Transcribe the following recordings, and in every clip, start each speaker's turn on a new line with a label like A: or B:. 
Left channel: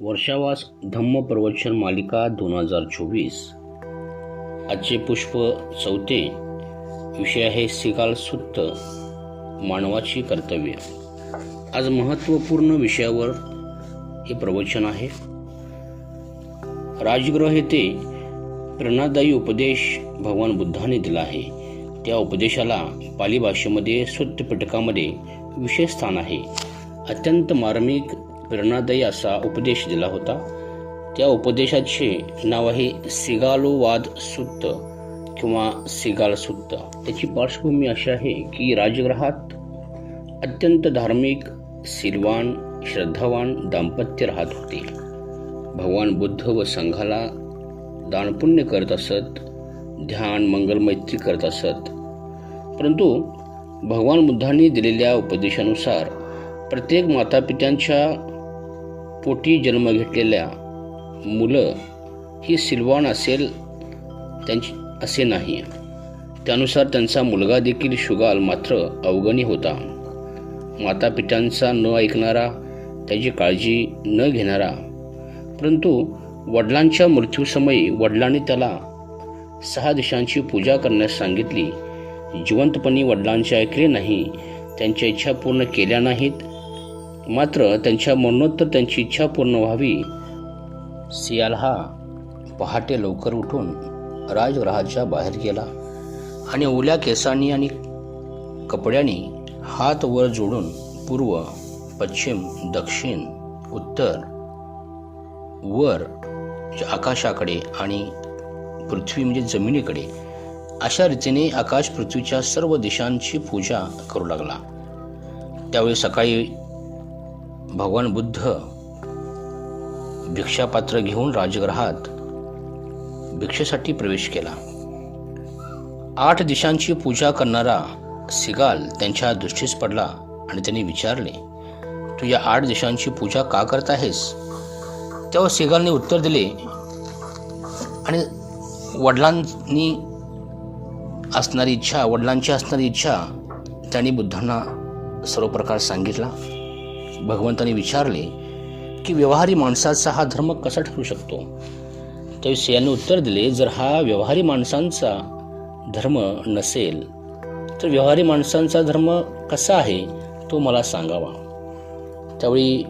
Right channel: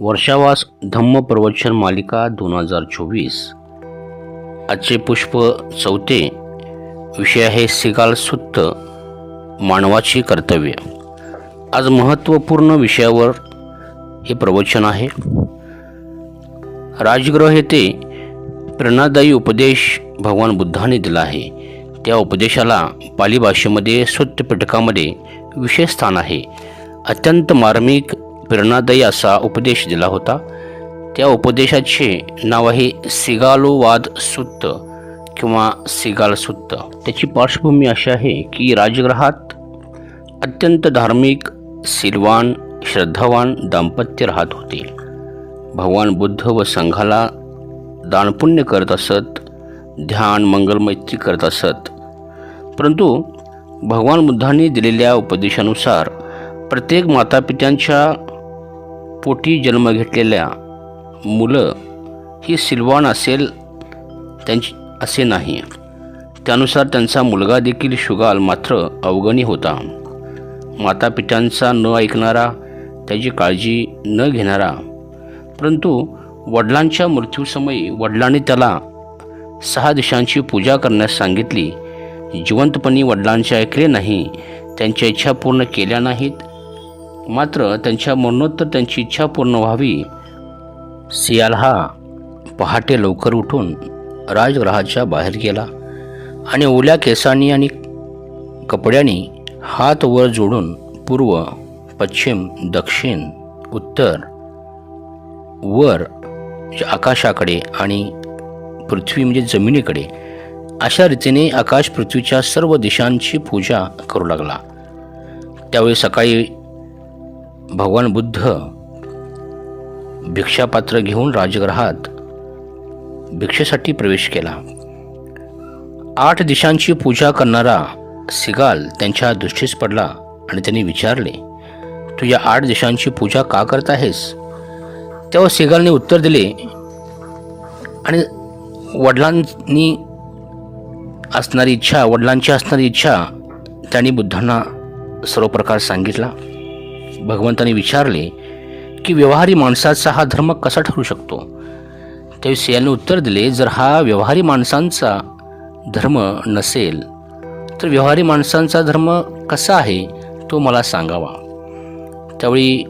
A: वर्षावास धम्म प्रवचन मालिका दोन हजार चोवीस. आजचे पुष्प चौथे विषय आहे सिगाल सुत्त मानवाची कर्तव्य. आज महत्त्वपूर्ण विषयावर हे प्रवचन आहे. राजगृह येथे प्रेरणादायी उपदेश भगवान बुद्धाने दिला आहे. त्या उपदेशाला पाली भाषेमध्ये सुत्तपिटकामध्ये विशेष स्थान आहे. अत्यंत मार्मिक प्रेरणादायी असा उपदेश दिला होता. त्या उपदेशाचे नाव आहे सिगालोवाद सुत्त किंवा सिगाल सुत्त. त्याची पार्श्वभूमी अशी आहे की राजगृहात अत्यंत धार्मिक सिलवान श्रद्धावान दाम्पत्य राहत होते. भगवान बुद्ध व संघाला दानपुण्य करत असत ध्यान मंगलमैत्री करत असत. परंतु भगवान बुद्धांनी दिलेल्या उपदेशानुसार प्रत्येक मातापित्यांच्या पोटी जन्म घेतलेल्या मुलं ही सिलवान असेल त्यांची असे नाही. त्यानुसार त्यांचा मुलगा देखील शुगाल मात्र अवगणी होता. मातापित्यांचा न ऐकणारा त्याची काळजी न घेणारा. परंतु वडिलांच्या मृत्यूसमयी वडिलांनी त्याला सहा दिशांची पूजा करण्यास सांगितली. जिवंतपणी वडिलांचे ऐकले नाही त्यांच्या इच्छा पूर्ण केल्या नाहीत. मात्र त्यांच्या मरणोत्तर त्यांची इच्छा पूर्ण व्हावी. सियाल हा पहाटे लवकर उठून राजगृहाच्या बाहेर गेला आणि ओल्या केसांनी आणि कपड्यांनी हात वर जोडून पूर्व पश्चिम दक्षिण उत्तर वर आकाशाकडे आणि पृथ्वी म्हणजे जमिनीकडे अशा रीतीने आकाश पृथ्वीच्या सर्व दिशांची पूजा करू लागला. त्यावेळी सकाळी भगवान बुद्ध भिक्षापात्र घेऊन राजगृहात भिक्षेसाठी प्रवेश केला. आठ दिशांची पूजा करणारा सिगाल त्यांच्या दृष्टीस पडला आणि त्यांनी विचारले तू या आठ दिशांची पूजा का करत आहेस? तेव्हा सिगालने उत्तर दिले आणि वडिलांनी असणारी इच्छा वडिलांची असणारी इच्छा त्यांनी बुद्धांना सर्व प्रकार सांगितला. भगवंताने विचारले की व्यवहारी माणसाचा हा धर्म कसा ठरू शकतो? त्यावेळी सियाने उत्तर दिले जर हा व्यवहारी माणसांचा धर्म नसेल तर व्यवहारी माणसांचा धर्म कसा आहे तो मला सांगावा. त्यावेळी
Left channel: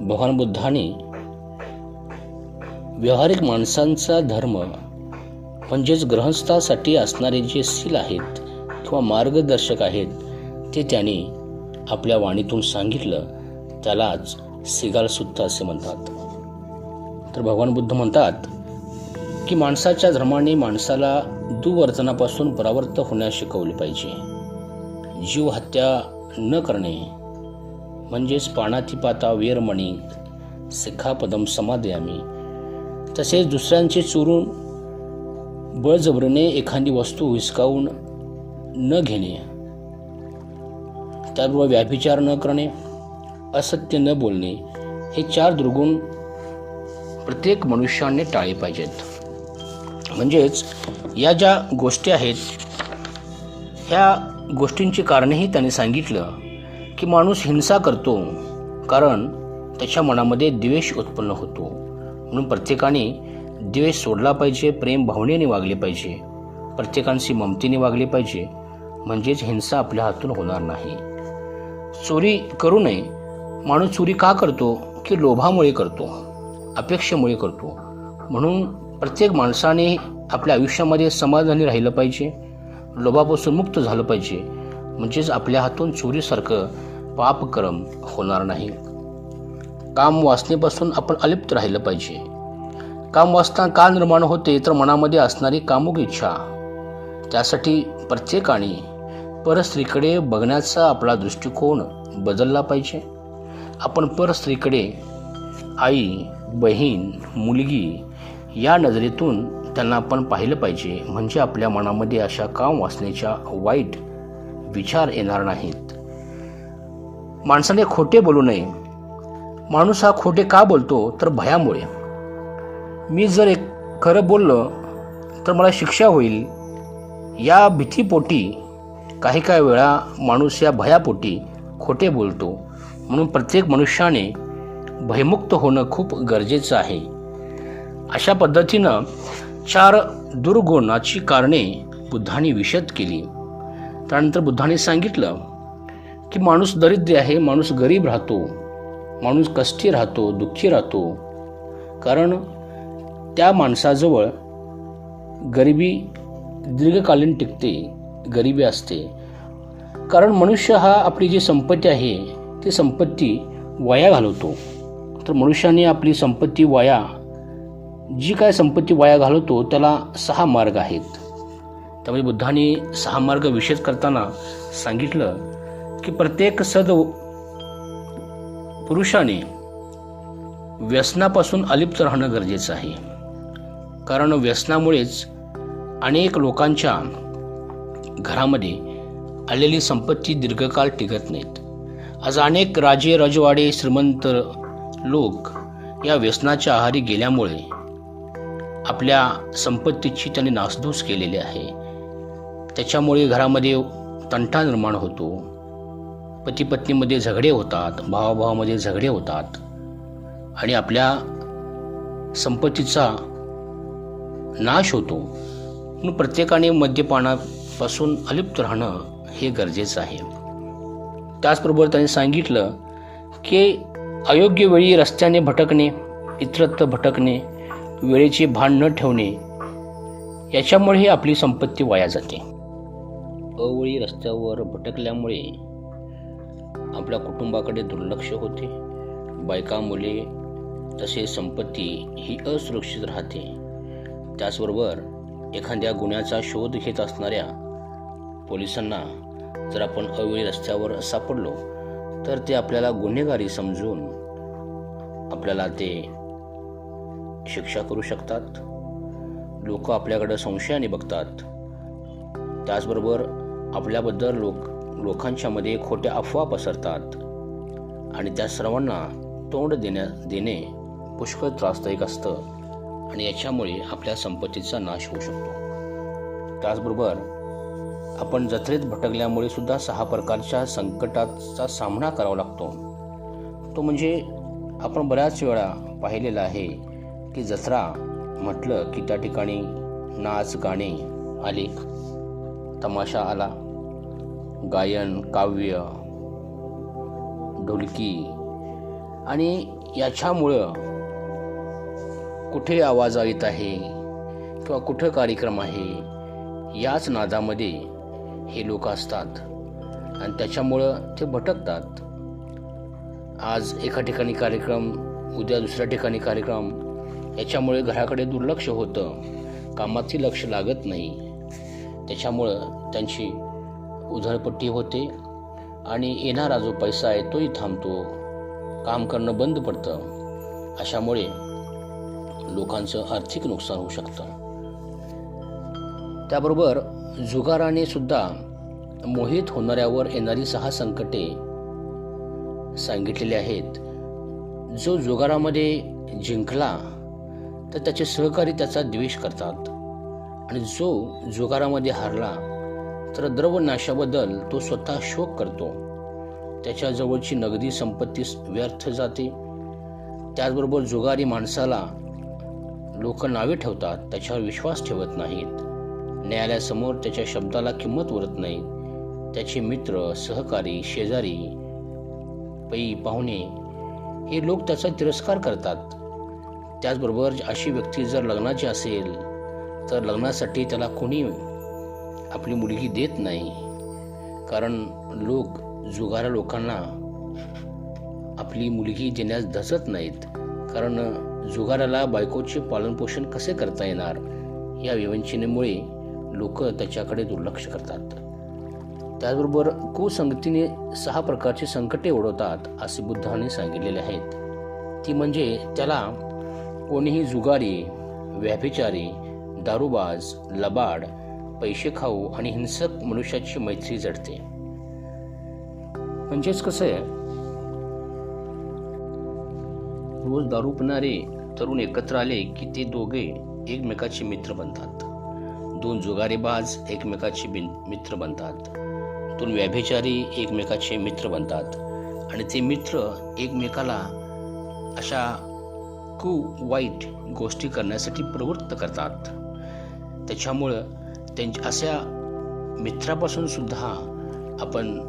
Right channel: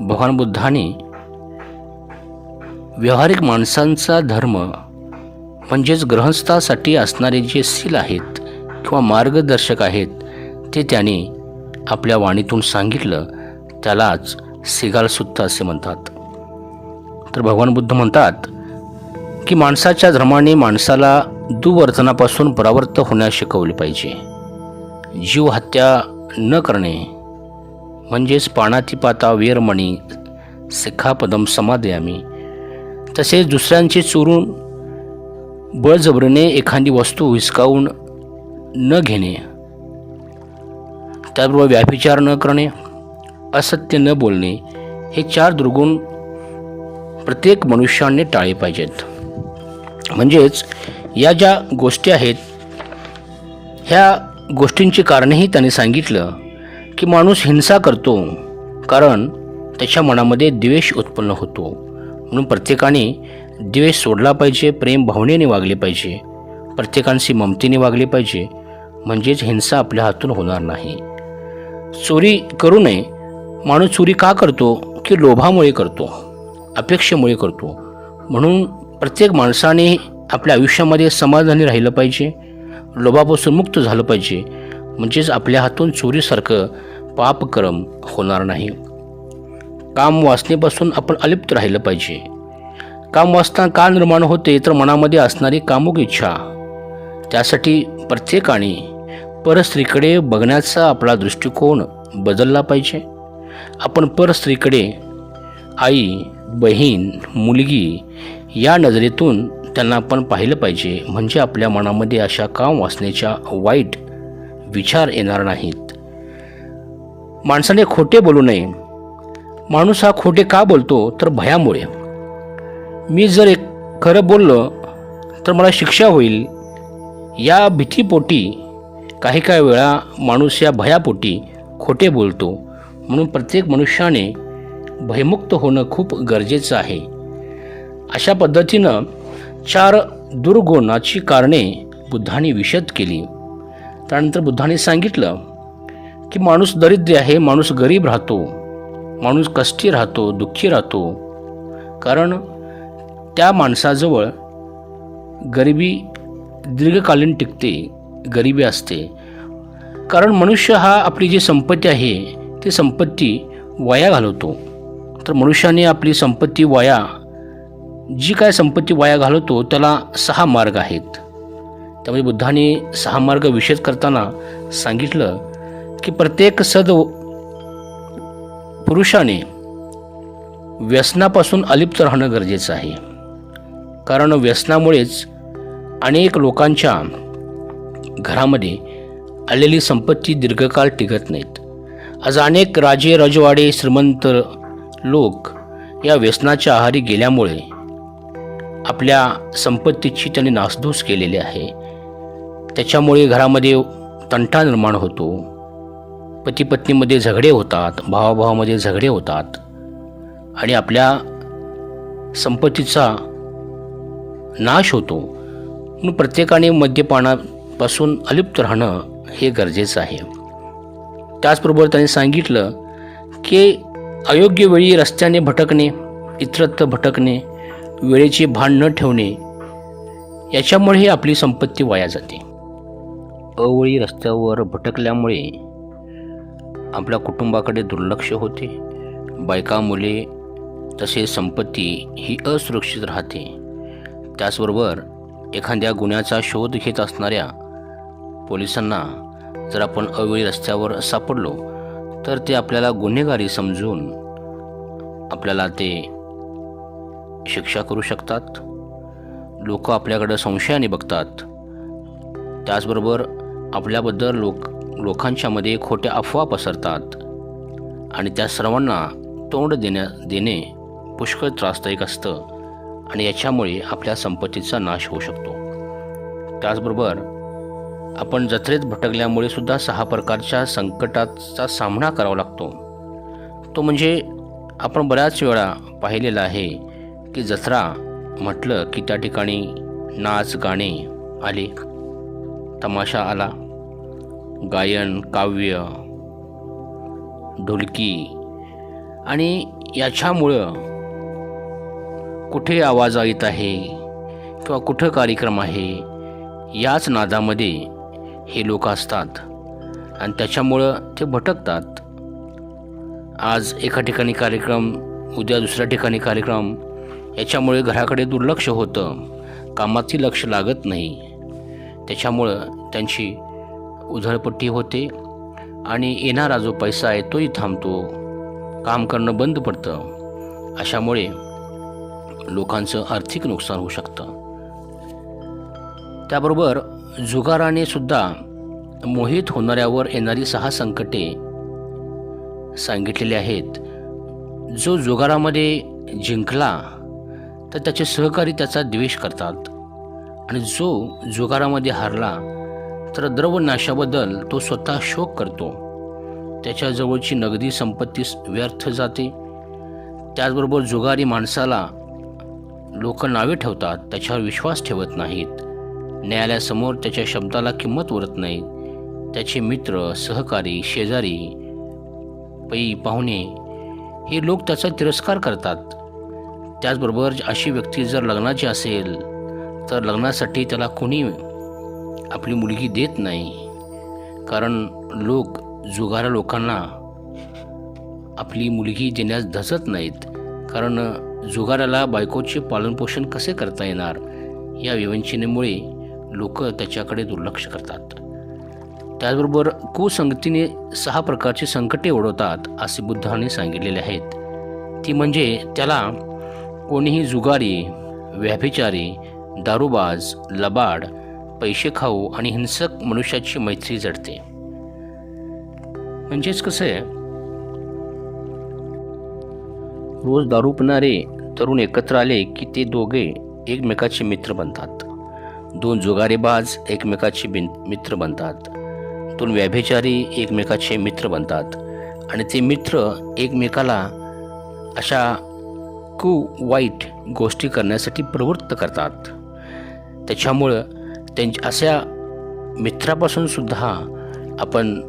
A: भगवान बुद्धाने व्यवहारिक माणसांचा धर्म म्हणजेच ग्रहस्थासाठी असणारे जे सील आहेत किंवा मार्गदर्शक आहेत ते त्याने आपल्या वाणीतून सांगितलं त्यालाच सिगालसुत्त असे म्हणतात. तर भगवान बुद्ध म्हणतात की माणसाच्या धर्माने माणसाला दुवर्तनापासून परावर्त होण्यास शिकवले पाहिजे. जीव हत्या न करणे म्हणजेच पाणातिपाता वेरमणी सिखापदम समादयामी तसेच दुसऱ्यांचे चोरून बळजबरीने एखादी वस्तू हिसकावून न घेणे त्याबरोबर व्याभिचार न करणे असत्य न बोलणे हे चार दुर्गुण प्रत्येक मनुष्याने टाळले पाहिजेत. म्हणजेच या ज्या गोष्टी आहेत ह्या गोष्टींची कारणेही त्याने सांगितलं की माणूस हिंसा करतो कारण त्याच्या मनामध्ये द्वेष उत्पन्न होतो. म्हणून प्रत्येकाने द्वेष सोडला पाहिजे प्रेम भावनेने वागले पाहिजे प्रत्येकांशी ममतीने वागले पाहिजे म्हणजेच हिंसा आपल्या हातून होणार नाही. चोरी करू नये. माणूस चोरी का करतो? की लोभामुळे करतो अपेक्षेमुळे करतो. म्हणून प्रत्येक माणसाने आपल्या आयुष्यामध्ये समाधानी राहिलं पाहिजे. लोभापासून मुक्त झालं पाहिजे. म्हणजेच आपल्या हातून चोरीसारखं पापक्रम होणार नाही. काम वाचनेपासून आपण अलिप्त राहिलं पाहिजे. काम वाचताना का निर्माण होते? तर मनामध्ये असणारी कामुक इच्छा. त्यासाठी प्रत्येकाने परस्त्रीकडे बघण्याचा आपला दृष्टिकोन बदलला पाहिजे. आपण परस्त्रीकडे आई बहीण मुलगी या नजरेतून त्यांना आपण पाहिलं पाहिजे. म्हणजे आपल्या मनामध्ये अशा काम वाचण्याच्या वाईट विचार येणार नाहीत. माणसाने खोटे बोलू नये. माणूस हा खोटे का बोलतो? तर भयामुळे. मी जर एक खरं बोललं तर मला शिक्षा होईल. या भीतीपोटी काही काही वेळा माणूस या भयापोटी खोटे बोलतो. म्हणून प्रत्येक मनुष्याने भयमुक्त होणं खूप गरजेचं आहे. अशा पद्धतीनं चार दुर्गुणाची कारणे बुद्धाने विशद केली. त्यानंतर बुद्धाने सांगितलं की माणूस दरिद्र आहे माणूस गरीब राहतो माणूस कष्टी राहतो दुःखी राहतो. कारण त्या माणसाजवळ गरिबी दीर्घकालीन टिकते. गरिबी असते. कारण मनुष्य हा आपली जी संपत्ती आहे ती संपत्ती वाया घालवतो. तर मनुष्याने आपली संपत्ती वाया जी काय संपत्ती वाया घालवतो त्याला सहा मार्ग आहेत. त्यामुळे बुद्धाने सहा मार्ग विशेष करताना सांगितलं की प्रत्येक सद पुरुषाने व्यसनापासून अलिप्त राहणं गरजेचं आहे. कारण व्यसनामुळेच अनेक लोकांच्या घरामध्ये आलेली संपत्ती दीर्घकाळ टिकत नाहीत. आज अनेक राजे रजवाडे श्रीमंत लोक या व्यसनाच्या आहारी गेल्यामुळे आपल्या संपत्तीची त्यांनी नासधूस केलेली आहे. त्याच्यामुळे घरामध्ये तंटा निर्माण होतो. पती पत्नीमध्ये झगडे होतात भावाभावामध्ये झगडे होतात आणि आपल्या संपत्तीचा नाश होतो. म्हणून प्रत्येकाने पासून अलिप्त राहणं हे गरजेचं आहे. त्याचबरोबर त्यांनी सांगितलं की अयोग्य वेळी रस्त्याने भटकणे इतरत्र भटकणे वेळेचे भान न ठेवणे याच्यामुळे आपली संपत्ती वाया जाते. अवळी रस्त्यावर भटकल्यामुळे आपल्या कुटुंबाकडे दुर्लक्ष होते. बायका मुले तसेच संपत्ती ही असुरक्षित राहते. त्याचबरोबर एखाद्या गुन्ह्याचा शोध घेत असणाऱ्या पोलिसांना जर आपण अवेळी रस्त्यावर सापडलो तर ते आपल्याला गुन्हेगारी समजून आपल्याला ते शिक्षा करू शकतात. लोक आपल्याकडं संशयाने बघतात. त्याचबरोबर आपल्याबद्दल लोक लोकांच्यामध्ये खोट्या अफवा पसरतात आणि त्या सर्वांना तोंड देण्या देणे पुष्कळ त्रासदायक असतं आणि याच्यामुळे आपल्या संपत्तीचा नाश होऊ शकतो. त्याचबरोबर आपण जत्रेत भटकल्यामुळे सुद्धा सहा प्रकारच्या संकटाचा सामना करावा लागतो. तो म्हणजे आपण बऱ्याच वेळा पाहिलेलं आहे की जत्रा म्हटलं की त्या ठिकाणी नाच गाणे आले तमाशा आला. गायन काव्य ढोलकी आणि याच्यामुळं कुठे आवाज येत आहे किंवा कुठं कार्यक्रम आहे याच नादामध्ये हे लोक असतात. आणि त्याच्यामुळं ते भटकतात. आज एका ठिकाणी कार्यक्रम उद्या दुसऱ्या ठिकाणी कार्यक्रम याच्यामुळे घराकडे दुर्लक्ष होतं. कामाची लक्ष लागत नाही. त्याच्यामुळं त्यांची उधळपट्टी होते आणि येणारा जो पैसा आहे तोही थांबतो. काम करणं बंद पडतं. अशामुळे लोकांचं आर्थिक नुकसान होऊ शकतं. त्याबरोबर जुगाराने सुद्धा मोहित होणाऱ्यावर येणारी सहा संकटे सांगितलेली आहेत. जो जुगारामध्ये जिंकला तर त्याचे सहकारी त्याचा द्वेष करतात. आणि जो जुगारामध्ये हारला तर द्रवनाशाबद्दल तो स्वतः शोक करतो. त्याच्याजवळची नगदी संपत्ती व्यर्थ जाते. त्याचबरोबर जुगारी माणसाला लोक नावे ठेवतात त्याच्यावर विश्वास ठेवत नाहीत. न्यायालयासमोर त्याच्या शब्दाला किंमत उरत नाही. त्याचे मित्र सहकारी शेजारी पै पाहुणे हे लोक त्याचा तिरस्कार करतात. त्याचबरोबर अशी व्यक्ती जर लग्नाची असेल तर लग्नासाठी त्याला कोणी आपली मुलगी देत नाही. कारण लोक जुगाऱ्या लोकांना आपली मुलगी देण्यास धसत नाहीत. कारण जुगाराला बायकोचे पालनपोषण कसे करता येणार? या विवंचनेमुळे लोक त्याच्याकडे दुर्लक्ष करतात. त्याचबरोबर कुसंगतीने सहा प्रकारची संकटे ओढवतात असे बुद्धाने सांगितलेले आहेत. ती म्हणजे त्याला कोणीही जुगारी व्याभिचारी दारूबाज लबाड पैसे खाऊ आणि हिंसक मनुष्याची मैत्री जडते. म्हणजेच कसं आहे? रोज दारू पिणारे तरुण एकत्र आले की ते दोघे एकमेकाचे मित्र बनतात. दोन जुगारेबाज एकमेकाचे बिन मित्र बनतात. दोन व्याभिचारी एकमेकाचे मित्र बनतात. आणि ते मित्र एकमेकाला अशा कु वाईट गोष्टी करण्यासाठी प्रवृत्त करतात. त्याच्यामुळं त्यांच्या अशा मित्रापासून सुद्धा आपण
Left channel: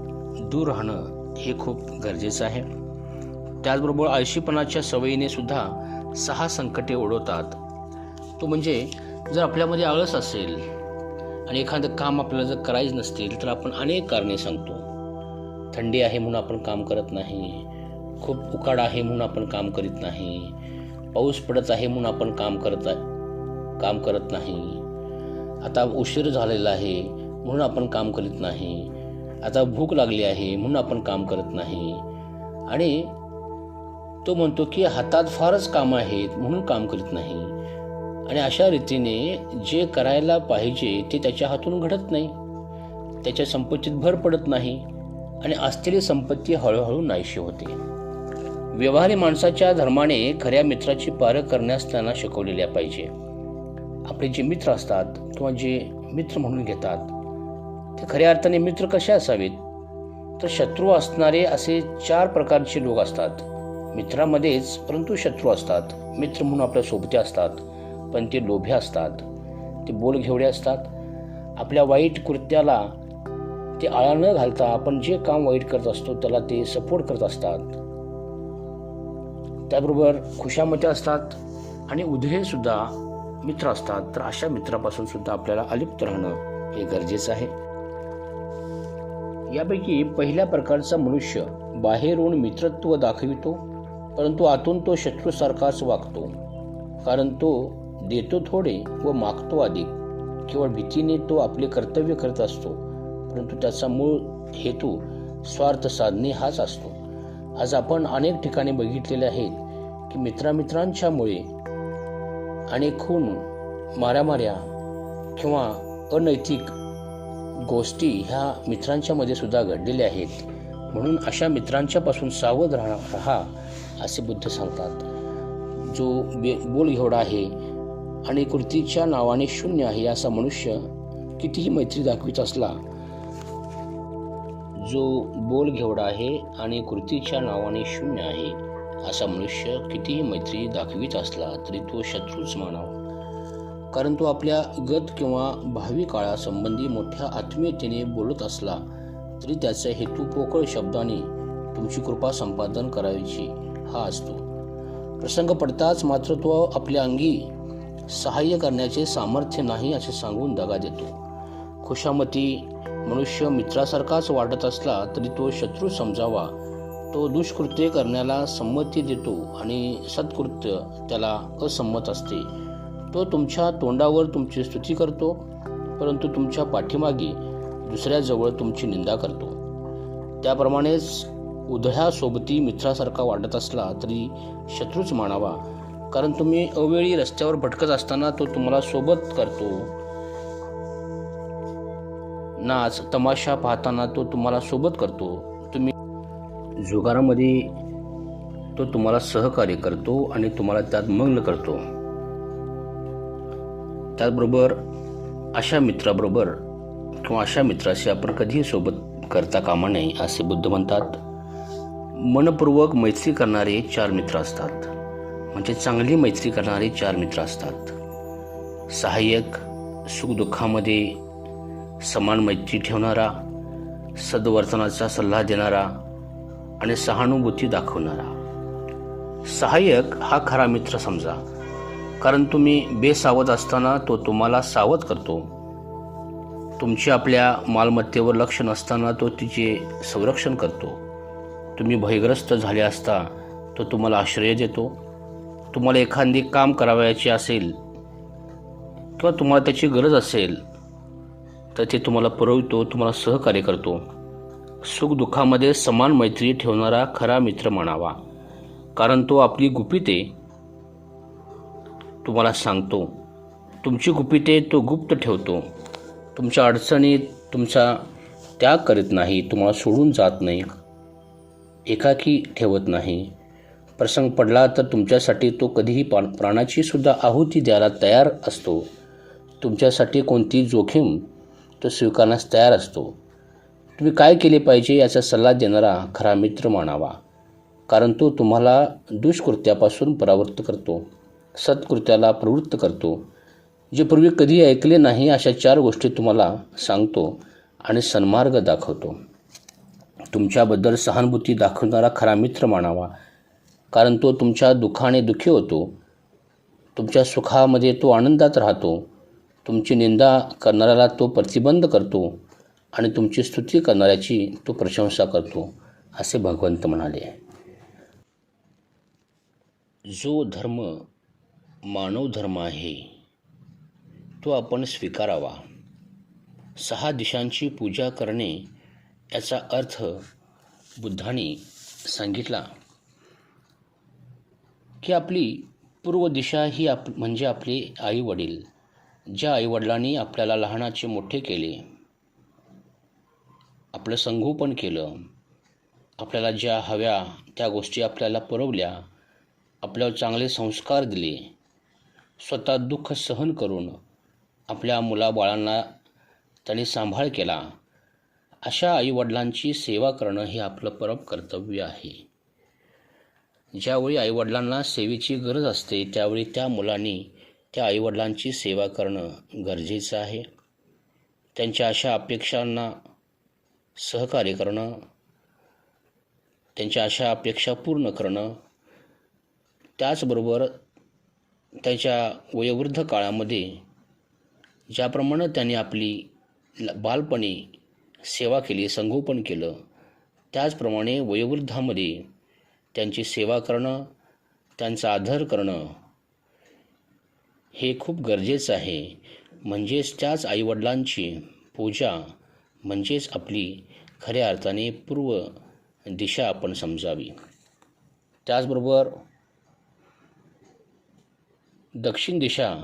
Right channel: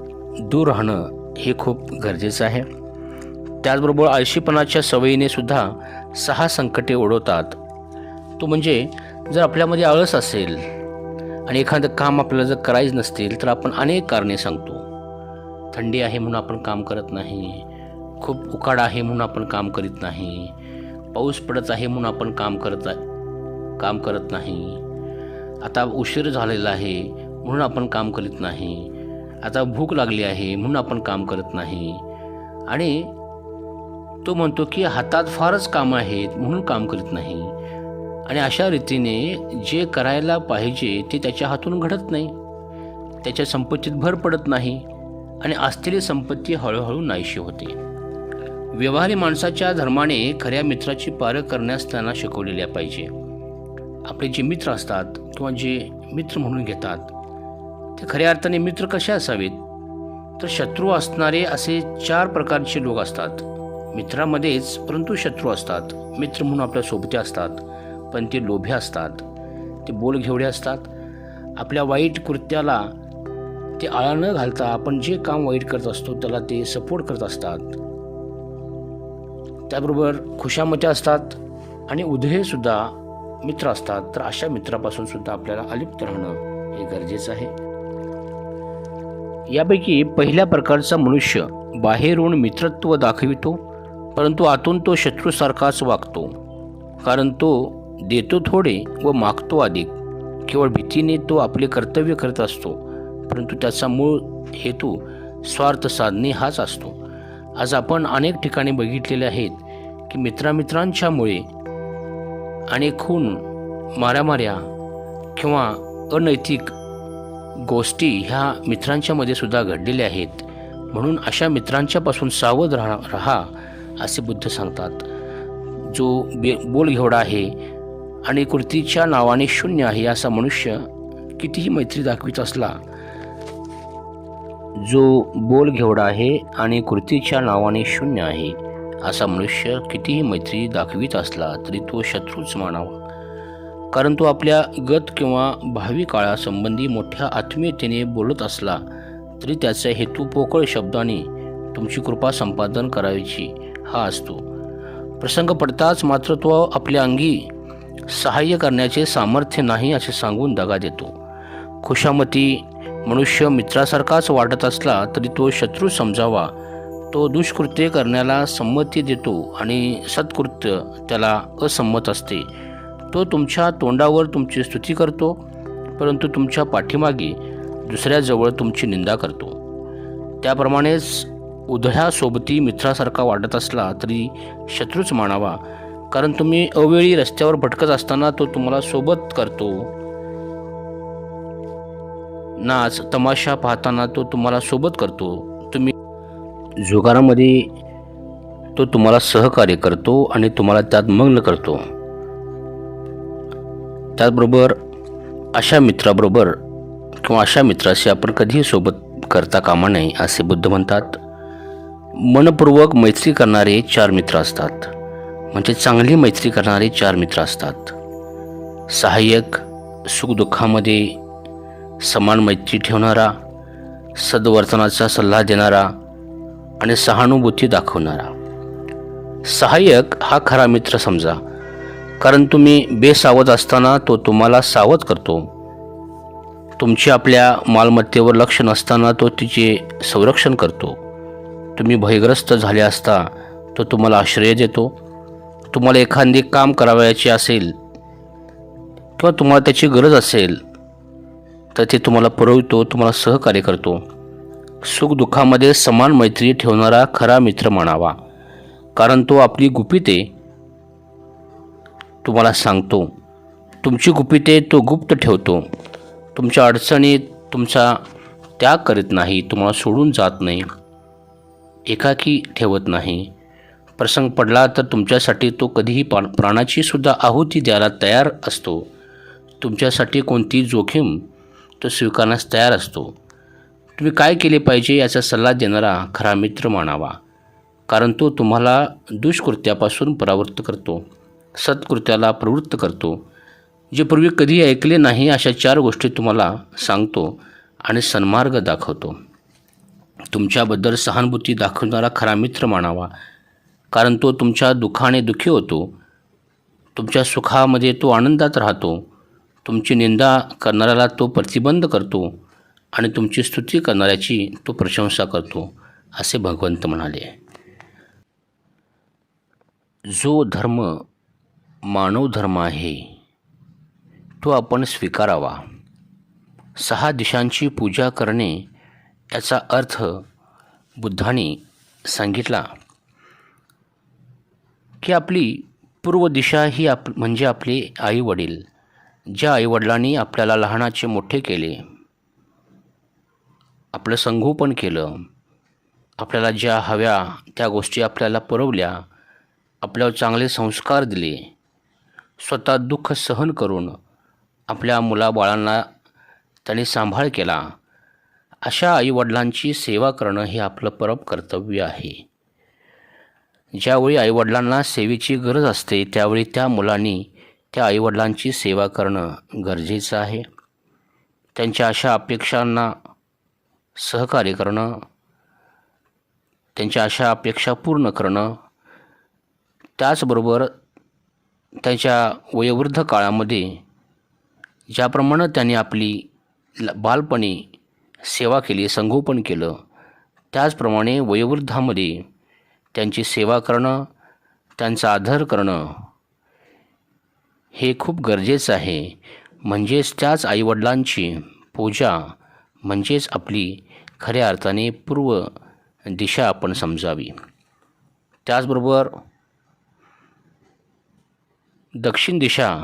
A: दूर राहणं हे खूप गरजेचं आहे. त्याचबरोबर आळशीपणाच्या सवयीने सुद्धा सहा संकटे ओढवतात. तो म्हणजे जर आपल्यामध्ये आळस असेल आणि एखादं काम आपल्याला जर करायचं नसतील तर आपण अनेक कारणे सांगतो. थंडी आहे म्हणून आपण काम करत नाही. खूप उकाडा आहे म्हणून आपण काम करीत नाही. पाऊस पडत आहे म्हणून आपण काम करत काम करत नाही. आता उशीर झालेला आहे म्हणून आपण काम करीत नाही. आता भूक लागली आहे म्हणून आपण काम करत नाही. आणि तो म्हणतो की हातात फारच कामं आहेत म्हणून काम करीत नाही. आणि अशा रीतीने जे करायला पाहिजे ते त्याच्या हातून घडत नाही. त्याच्या संपत्तीत भर पडत नाही आणि असलेली संपत्ती हळूहळू नाहीशी होते. व्यवहारी माणसाच्या धर्माने खऱ्या मित्राची पारख करण्यास त्यांना शिकवलेल्या पाहिजे. आपले जे मित्र असतात किंवा जे मित्र म्हणून घेतात ते खऱ्या अर्थाने मित्र कसे असावेत? तर शत्रू असणारे असे चार प्रकारचे लोक असतात. मित्रामध्येच परंतु शत्रू असतात. मित्र म्हणून आपल्या सोबते असतात. पण ते लोभे असतात. ते बोलघेवडे असतात. आपल्या वाईट कृत्याला ते आळा न घालता आपण जे काम वाईट करत असतो त्याला ते सपोर्ट करत असतात. त्याबरोबर खुशामते असतात आणि उधळेसुद्धा मित्र असतात. तर अशा मित्रापासून सुद्धा आपल्याला अलिप्त राहणं हे गरजेचं आहे. यापैकी पहिल्या प्रकारचा मनुष्य बाहेरून मित्रत्व दाखवितो परंतु आतून तो शत्रूसारखाच वागतो. कारण तो देतो थोडे व मागतो अधिक. केवळ भीतीने तो आपले कर्तव्य करत असतो परंतु त्याचा मूळ हेतू स्वार्थ साधणे हाच असतो. आज आपण अनेक ठिकाणी बघितलेले आहेत की मित्रामित्रांच्यामुळे अनेक खून माऱ्यामाऱ्या किंवा अनैतिक गोष्टी ह्या मित्रांच्यामध्ये सुद्धा घडलेल्या आहेत. म्हणून अशा मित्रांच्यापासून सावध राहा राहा असे बुद्ध सांगतात. जो बे बोलघेवडा आहे आणि कृतीच्या नावाने शून्य आहे असा मनुष्य कितीही मैत्री दाखवित असला जो बोल घेवडा आहे आणि कृतीच्या नावाने शून्य आहे असा मनुष्य कितीही मैत्री दाखवित असला तरी तो शत्रूच मानावा. कारण तो आपल्या गत किंवा भावी काळासंबंधी मोठ्या आत्मीयतेने बोलत असला तरी त्याचा हेतू पोकळ शब्दाने तुमची कृपा संपादन करायची हा असतो. प्रसंग पडताच मात्र तो आपल्या अंगी सहाय्य करण्याचे सामर्थ्य नाही असे सांगून दगा देतो. खुशामती मनुष्य मित्रासारखाच वाटत असला तरी तो शत्रू समजावा. तो दुष्कृत्य करण्याला संमती देतो आणि सत्कृत्य त्याला असंमत असते. तो तुमच्या तोंडावर तुमची स्तुती करतो परंतु तुमच्या पाठीमागे दुसऱ्याजवळ तुमची निंदा करतो. त्याप्रमाणेच उधळ्यासोबती मित्रासारखा वाटत असला तरी शत्रूच मानावा. कारण तुम्ही अवेळी रस्त्यावर भटकत असताना तो तुम्हाला सोबत करतो. नाच तमाशा पाहताना तो तुम्हाला सोबत करतो. तुम्ही जुगारामध्ये तो तुम्हाला सहकार्य करतो आणि तुम्हाला त्यात मग्न करतो. त्याचबरोबर अशा मित्राबरोबर किंवा अशा मित्राशी आपण कधीही सोबत करता कामा नये असे बुद्ध म्हणतात. मनपूर्वक मैत्री करणारे चार मित्र असतात. म्हणजे चांगली मैत्री करणारे चार मित्र असतात. सहाय्यक सुखदुःखामध्ये समान मैत्री ठेवणारा सद्वर्तनाचा सल्ला देणारा आणि सहानुभूती दाखवणारा. सहाय्यक हा खरा मित्र समजा कारण तुम्ही बेसावध असताना तो तुम्हाला सावध करतो. तुमची आपल्या मालमत्तेवर लक्ष नसताना तो तिचे संरक्षण करतो. तुम्ही भयग्रस्त झाले असता तो तुम्हाला आश्रय देतो. तुम्हाला एखादी काम करावयाचे असेल किंवा तुम्हाला त्याची गरज असेल तर ते तुम्हाला पुरवतो तुम्हाला सहकार्य करतो. सुखदुःखामध्ये समान मैत्री ठेवणारा खरा मित्र म्हणावा. कारण तो आपली गुपिते तुम्हाला सांगतो. तुमची गुपिते तो गुप्त ठेवतो. तुमच्या अडचणीत तुमचा त्याग करीत नाही तुम्हाला सोडून जात नाही एकाकी ठेवत नाही. प्रसंग पडला तर तुमच्यासाठी तो कधीही पा प्राणाची सुद्धा आहुती द्यायला तयार असतो. तुमच्यासाठी कोणती जोखीम तो स्वीकारण्यास तयार असतो. तुम्ही काय केले पाहिजे याचा सल्ला देणारा खरा मित्र मानावा. कारण तो तुम्हाला दुष्कृत्यापासून परावृत्त करतो. सत्कृत्याला प्रवृत्त करतो. जे पूर्वी कधी ऐकले नाही अशा चार गोष्टी तुम्हाला सांगतो आणि सन्मार्ग दाखवतो. तुमच्याबद्दल सहानुभूती दाखवणारा खरा मित्र मानावा. कारण तो तुमच्या दुःखाने दुःखी होतो. तुमच्या सुखामध्ये तो आनंदात राहतो. तुमची निंदा करणाऱ्याला तो प्रतिबंध करतो आणि तुमची स्तुती करणाऱ्याची तो प्रशंसा करतो असे भगवंत म्हणाले. जो धर्म मानव धर्म आहे तो आपण स्वीकारावा. सहा दिशांची पूजा करणे याचा अर्थ बुद्धाने सांगितला. की आपली पूर्व दिशा ही आप म्हणजे आपले आईवडील ज्या आईवडिलांनी आपल्याला लहानाचे मोठे केले आपलं संगोपन केलं आपल्याला ज्या हव्या त्या गोष्टी आपल्याला पुरवल्या आपल्यावर चांगले संस्कार दिले स्वतः दुःख सहन करून आपल्या मुलाबाळांना त्यांनी सांभाळ केला अशा आईवडिलांची सेवा करणं हे आपलं परम कर्तव्य आहे. ज्यावेळी आईवडिलांना सेवेची गरज असते त्यावेळी त्या मुलांनी त्या आईवडिलांची सेवा करणं गरजेचं आहे. त्यांच्या अशा अपेक्षांना सहकार्य करणं त्यांच्या अशा अपेक्षा पूर्ण करणं त्याचबरोबर त्याच्या वयोवृद्ध काळामध्ये ज्याप्रमाणे त्यांनी आपली ल- बालपणी सेवा केली संगोपन केलं त्याचप्रमाणे वयोवृद्धामध्ये त्यांची सेवा करणं त्यांचा आदर करणं हे खूप गरजेचं आहे. म्हणजेच त्याच आईवडिलांची पूजा म्हणजेच आपली खऱ्या अर्थाने पूर्व दिशा आपण समजावी. त्याचबरोबर दक्षिण दिशा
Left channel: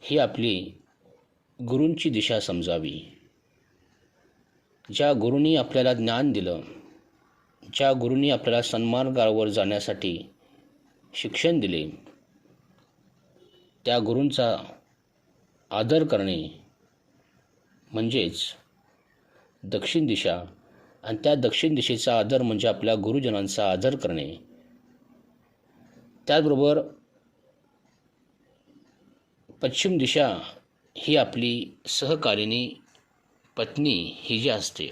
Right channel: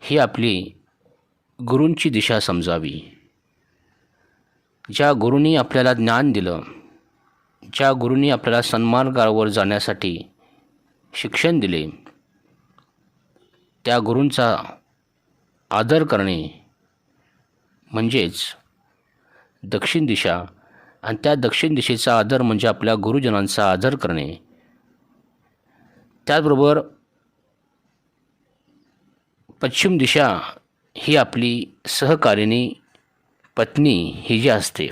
A: ही आपली गुरूंची दिशा समजावी. ज्या गुरूंनी आपल्याला ज्ञान दिलं ज्या गुरूंनी आपल्याला सन्मार्गावर जाण्यासाठी शिक्षण दिले. त्या गुरूंचा आदर करणे म्हणजेच दक्षिण दिशा आणि त्या दक्षिण दिशेचा आदर म्हणजे आपल्या गुरुजनांचा आदर करणे. त्याचबरोबर पश्चिम दिशा ही आपली सहकारिणी पत्नी ही जी असते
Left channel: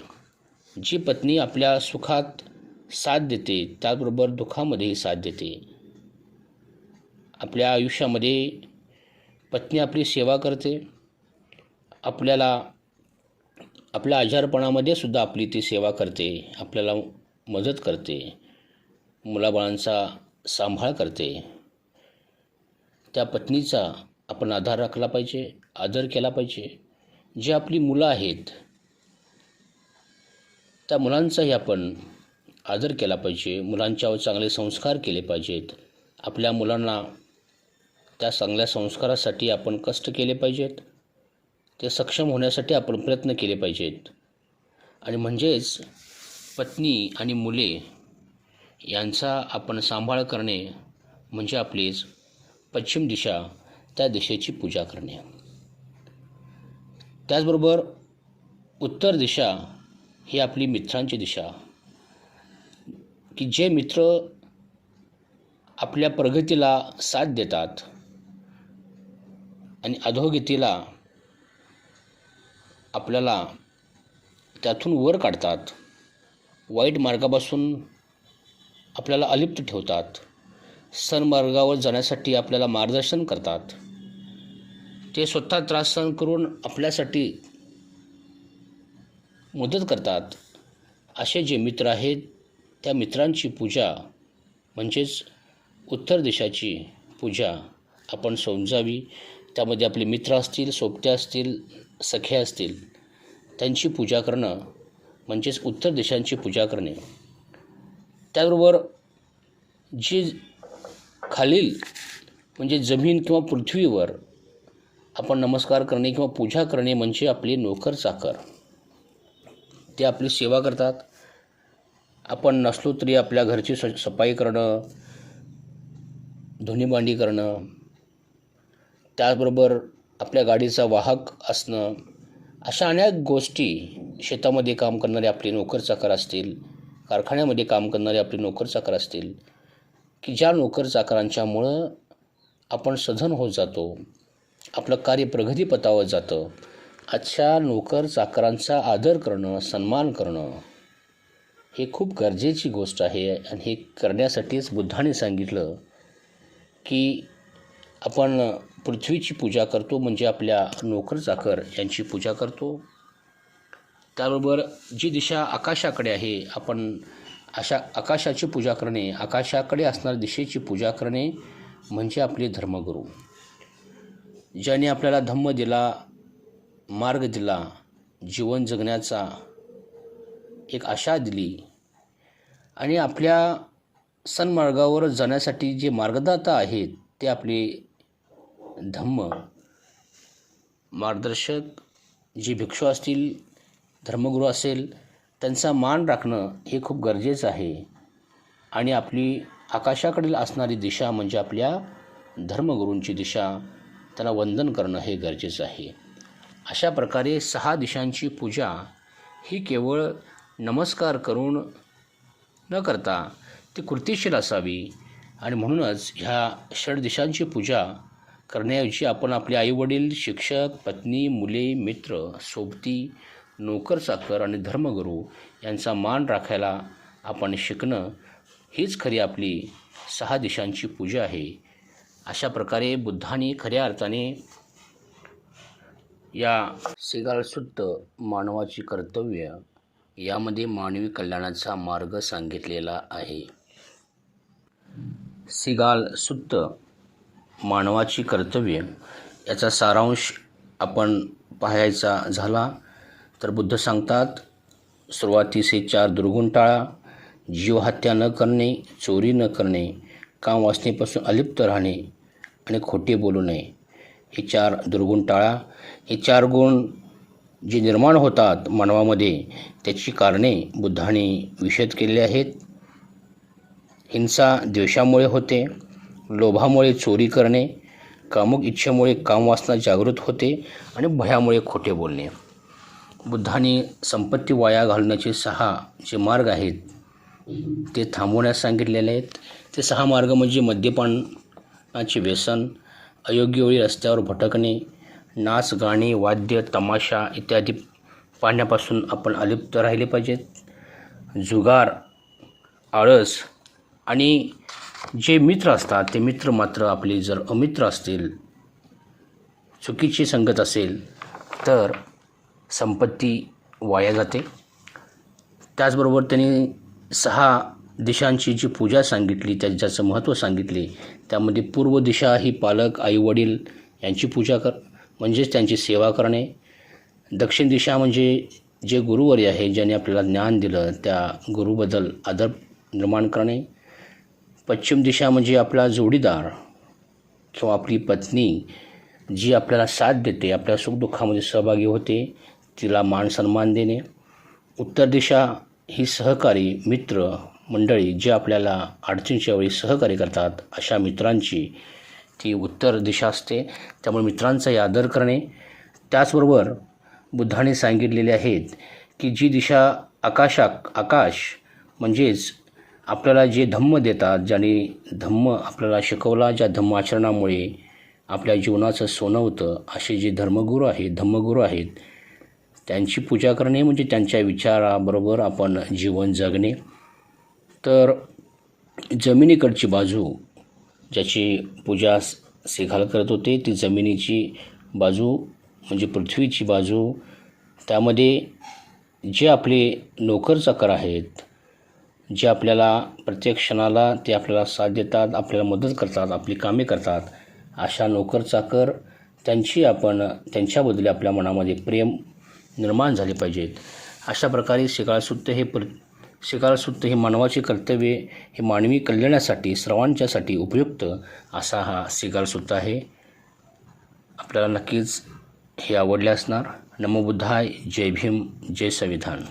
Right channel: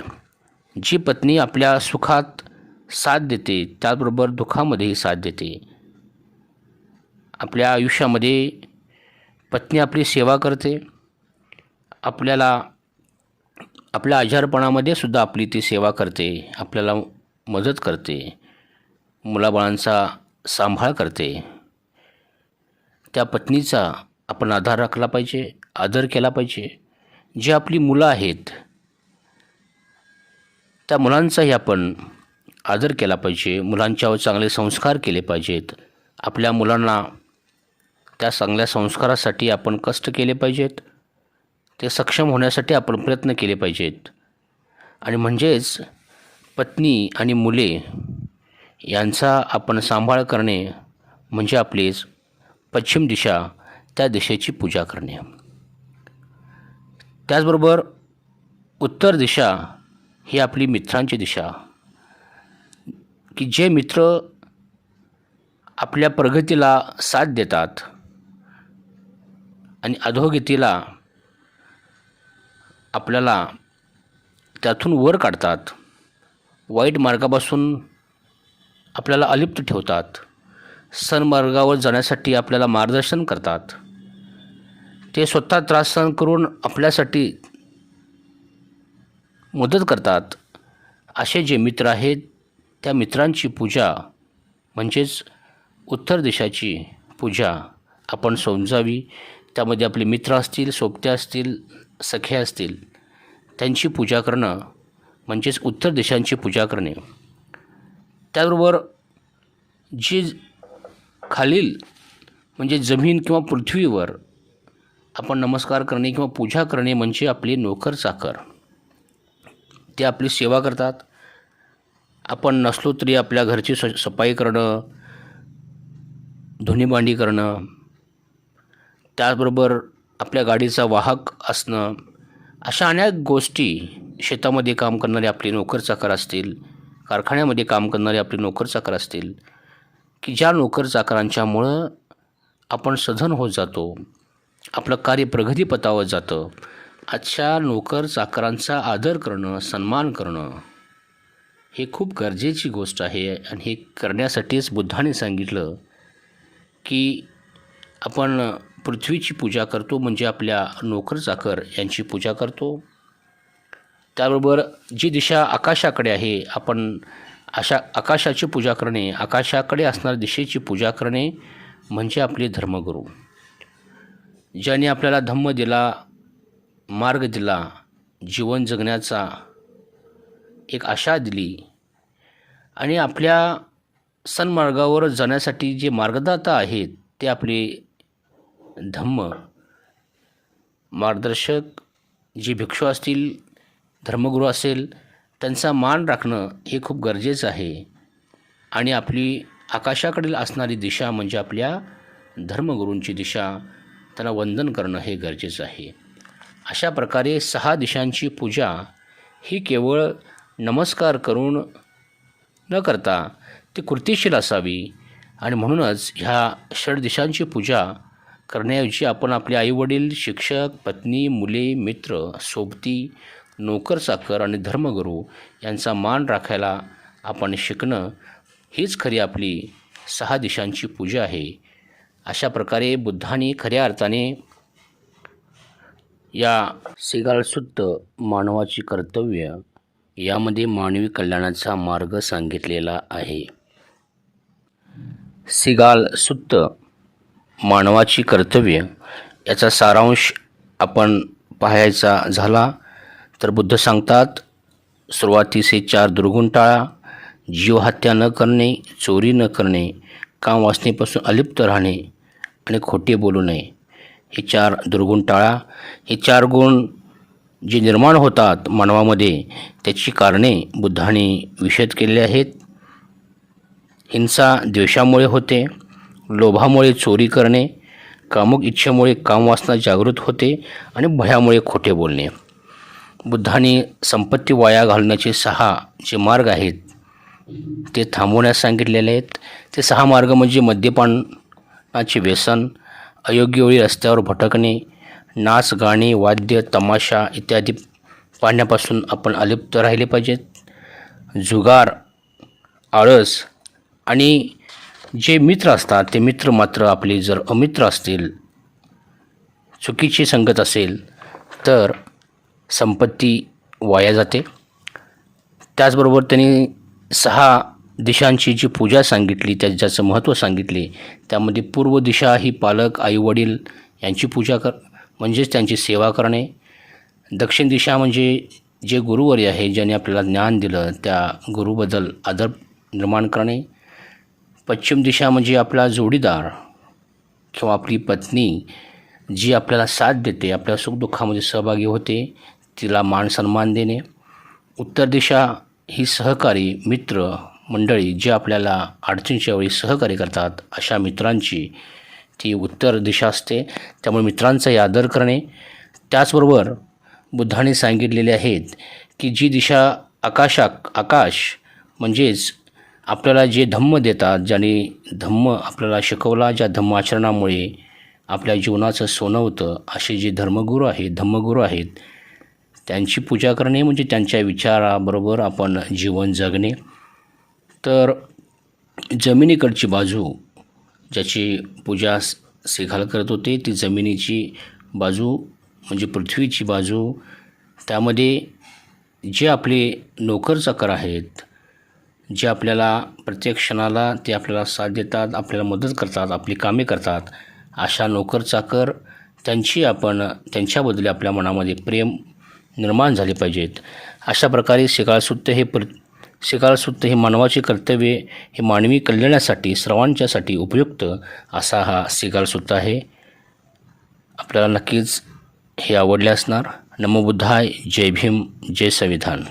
A: जी पत्नी आपल्या सुखात साथ देते त्याचबरोबर दुःखामध्येही साथ देते. आपल्या आयुष्यामध्ये पत्नी आपली सेवा करते. आपल्याला आपल्या आजारपणामध्ये सुद्धा आपली ती सेवा करते. आपल्याला मदत करते. मुलाबाळांचा सांभाळ करते. त्या पत्नीचा आपण आधार राखला पाहिजे आदर केला पाहिजे. जी आपली मुलं आहेत त्या मुलांचाही आपण आदर केला पाहिजे मुलांच्यावर चांगले संस्कार केले पाहिजेत. आपल्या मुलांना त्या चांगल्या संस्कारासाठी आपण कष्ट केले पाहिजेत. ते सक्षम होण्यासाठी आपण प्रयत्न केले पाहिजेत. आणि म्हणजेच पत्नी आणि मुले यांचा आपण सांभाळ करणे म्हणजे आपलीच पश्चिम दिशा त्या दिशेची पूजा करणे. त्याचबरोबर उत्तर दिशा ही आपली मित्रांची दिशा. की जे मित्र आपल्या प्रगतीला साथ देतात आणि अधोगतीला आपल्याला त्यातून वर काढतात वाईट मार्गापासून आपल्याला अलिप्त ठेवतात सन्मार्गावर जाण्यासाठी आपल्याला मार्गदर्शन करतात. ते स्वतः त्रास सहन करून आपल्यासाठी मदत करतात. असे जे मित्र आहेत त्या मित्रांची पूजा म्हणजेच उत्तर दिशाची पूजा आपण समजावी. त्यामध्ये आपले मित्र असतील सोबत्या असतील सखे असतील त्यांची पूजा करणं म्हणजेच उत्तर दिशांची पूजा करणे. त्याबरोबर जी खालील म्हणजे जमीन किंवा पृथ्वीवर आपण नमस्कार करणे किंवा पूजा करणे म्हणजे आपली नोकर चाकर. ते आपली सेवा करतात. आपण नसलो तरी आपल्या घरची स सफाई करणं धुणीभांडी करणं त्याचबरोबर आपल्या गाडीचा वाहक असणं अशा अनेक गोष्टी शेतामध्ये काम करणारे आपले नोकर चाकर असतील कारखान्यामध्ये काम करणारे आपले नोकर चाकर असतील की ज्या नोकर चाकरांच्यामुळं आपण सधन होत जातो आपलं कार्य प्रगतीपथावर जातं अशा नोकर चाकरांचा आदर करणं सन्मान करणं हे खूप गरजेची गोष्ट आहे आणि हे करण्यासाठीच बुद्धाने सांगितलं की आपण पृथ्वीची पूजा करतो म्हणजे आपल्या नोकर चाकर यांची पूजा करतो. त्याबरोबर जी दिशा आकाशाकडे आहे आपण अशा आकाशाची पूजा करणे आकाशाकडे असणाऱ्या दिशेची पूजा करणे म्हणजे आपले धर्मगुरू. ज्याने आपल्याला धम्म दिला मार्ग दिला जीवन जगण्याचा एक आशा दिली. आणि आपल्या सन्मार्गावर जाण्यासाठी जे मार्गदाता आहेत ते आपले धम्म मार्गदर्शक जे भिक्षू असतील धर्मगुरू असेल त्यांचा मान राखणं हे खूप गरजेचं आहे. आणि आपली आकाशाकडील असणारी दिशा म्हणजे आपल्या धर्मगुरूंची दिशा त्यांना वंदन करणं हे गरजेचं आहे. अशा प्रकारे सहा दिशांची पूजा ही केवळ नमस्कार करून न करता ती कृतिशील असावी आणि म्हणूनच ह्या षड दिशांची पूजा करण्याऐवजी आपण आपले आईवडील शिक्षक पत्नी मुले मित्र सोबती नोकर चाकर आणि धर्मगुरू यांचा मान राखायला आपण शिकणं हीच खरी आपली सहा दिशांची पूजा आहे. अशा प्रकारे बुद्धाने खऱ्या अर्थाने या सिगाळसुद्ध मानवाची कर्तव्य यामध्ये मानवी कल्याणाचा मार्ग सांगितलेला आहे. सिगाल सुत्त मानवाची कर्तव्य याचा सारांश आपण पाहायचा झाला तर बुद्ध सांगतात सुरुवातीचे चार दुर्गुण टाळा जीवहत्या न करणे चोरी न करणे काम वाचनेपासून अलिप्त राहणे आणि खोटे बोलू नये. हे चार दुर्गुण टाळा हे चार गुण जे निर्माण होतात मानवामध्ये त्याची कारणे बुद्धाने विषद केलेली आहेत. हिंसा द्वेषामुळे होते लोभामुळे चोरी करणे कामुक इच्छेमुळे कामवासना जागृत होते आणि भयामुळे खोटे बोलणे. बुद्धाने संपत्ती वाया घालण्याचे सहा जे मार्ग आहेत ते थांबवण्यास सांगितलेले आहेत. ते सहा मार्ग म्हणजे मद्यपानाचे व्यसन अयोग्य वेळी रस्त्यावर भटकणे नाच गाणे वाद्य तमाशा इत्यादी पाहण्यापासून आपण अलिप्त राहिले पाहिजेत. जुगार आळस आणि जे मित्र असतात ते मित्र मात्र आपले जर अमित्र असतील चुकीची संगत असेल तर संपत्ती वाया जाते. त्याचबरोबर त्यांनी सहा दिशांची जी पूजा सांगितली त्याच्याचं महत्त्व सांगितले त्यामध्ये पूर्व दिशा ही पालक आईवडील यांची पूजा कर म्हणजेच त्यांची सेवा करणे. दक्षिण दिशा म्हणजे जे गुरुवर्य आहे ज्याने आपल्याला ज्ञान दिलं त्या गुरुबद्दल आदर निर्माण करणे. पश्चिम दिशा म्हणजे आपला जोडीदार किंवा आपली पत्नी जी आपल्याला साथ देते आपल्या सुखदुःखामध्ये सहभागी होते तिला मान सन्मान देणे. उत्तर दिशा ही सहकारी मित्र मंडळी जे आपल्याला अडचणीच्या वेळी सहकार्य करतात अशा मित्रांची ती उत्तर दिशा असते. त्यामुळे मित्रांचाही आदर करणे. त्याचबरोबर बुद्धाने सांगितलेले आहेत की जी दिशा आकाशा आकाश म्हणजेच आपल्याला जे धम्म देतात ज्याने धम्म आपल्याला शिकवला ज्या धम्म आचरणामुळे आपल्या जीवनाचं सोनं होतं असे जे धर्मगुरू आहेत धम्मगुरू आहेत त्यांची पूजा करणे म्हणजे त्यांच्या विचाराबरोबर आपण जीवन जगणे. तर जमिनीकडची बाजू ज्याची पूजा सेखाल करत होते ती जमिनीची बाजू म्हणजे पृथ्वीची बाजू त्यामध्ये जे आपले नोकरचाकर आहेत जे आपल्याला प्रत्येक क्षणाला ते आपल्याला साथ देतात आपल्याला मदत करतात आपली कामे करतात अशा नोकर चाकर त्यांची आपण त्यांच्याबद्दल आपल्या मनामध्ये प्रेम निर्माण झाले पाहिजेत. अशा प्रकारे शिकाळसुत्त हे प्र शिकाळसुत्त हे मानवाची कर्तव्य हे मानवी कल्याणासाठी सर्वांच्यासाठी उपयुक्त असा हा शिकाळसुत्त आहे. आपल्याला नक्कीच हे आवडले असणार. नमोबुद्धाय जय भीम जय संविधान.